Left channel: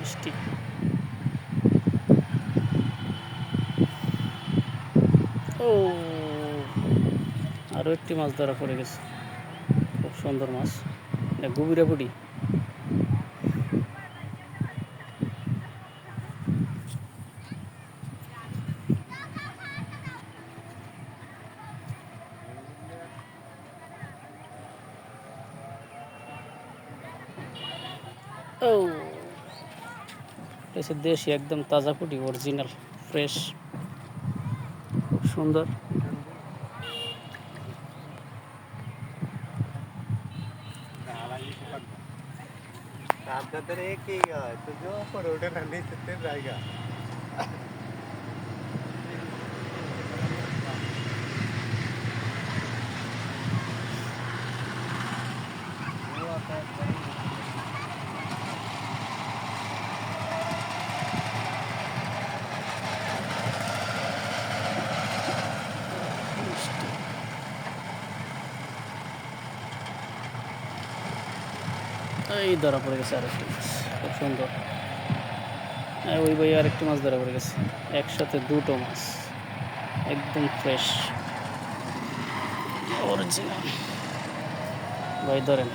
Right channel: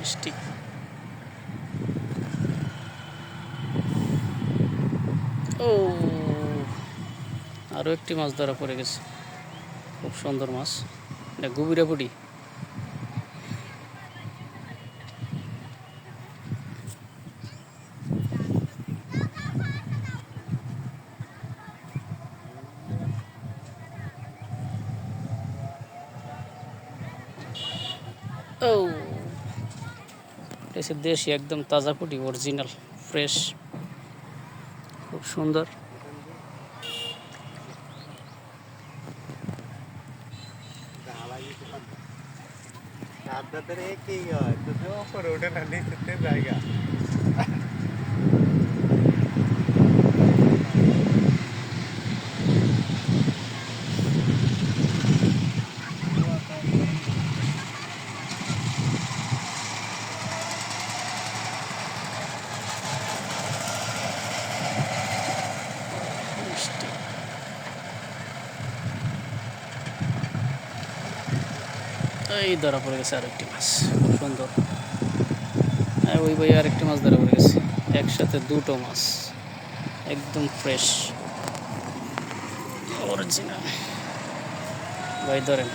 মিষ্টি। ও, আরও একটি মাছ ধরা পড়ে গেছে, খুব সুন্দর মাছ, এটা গুবিরা পুটি। ও, এটা দেশি একদম তাজা পুটি, অরিজিনাল ফ্রেশ, খুব সুন্দর। জায়গা মিষ্টি। এই ধরা পড়ে গেছে আরেকটি মাছ, খুব সুন্দর। ওই ভাই আরেকটি মাছ ধরা পড়ে গেছে, একসাথে দুটো মাছ, একদম ফ্রেশ অরিজিনাল। ভাই ধরেন।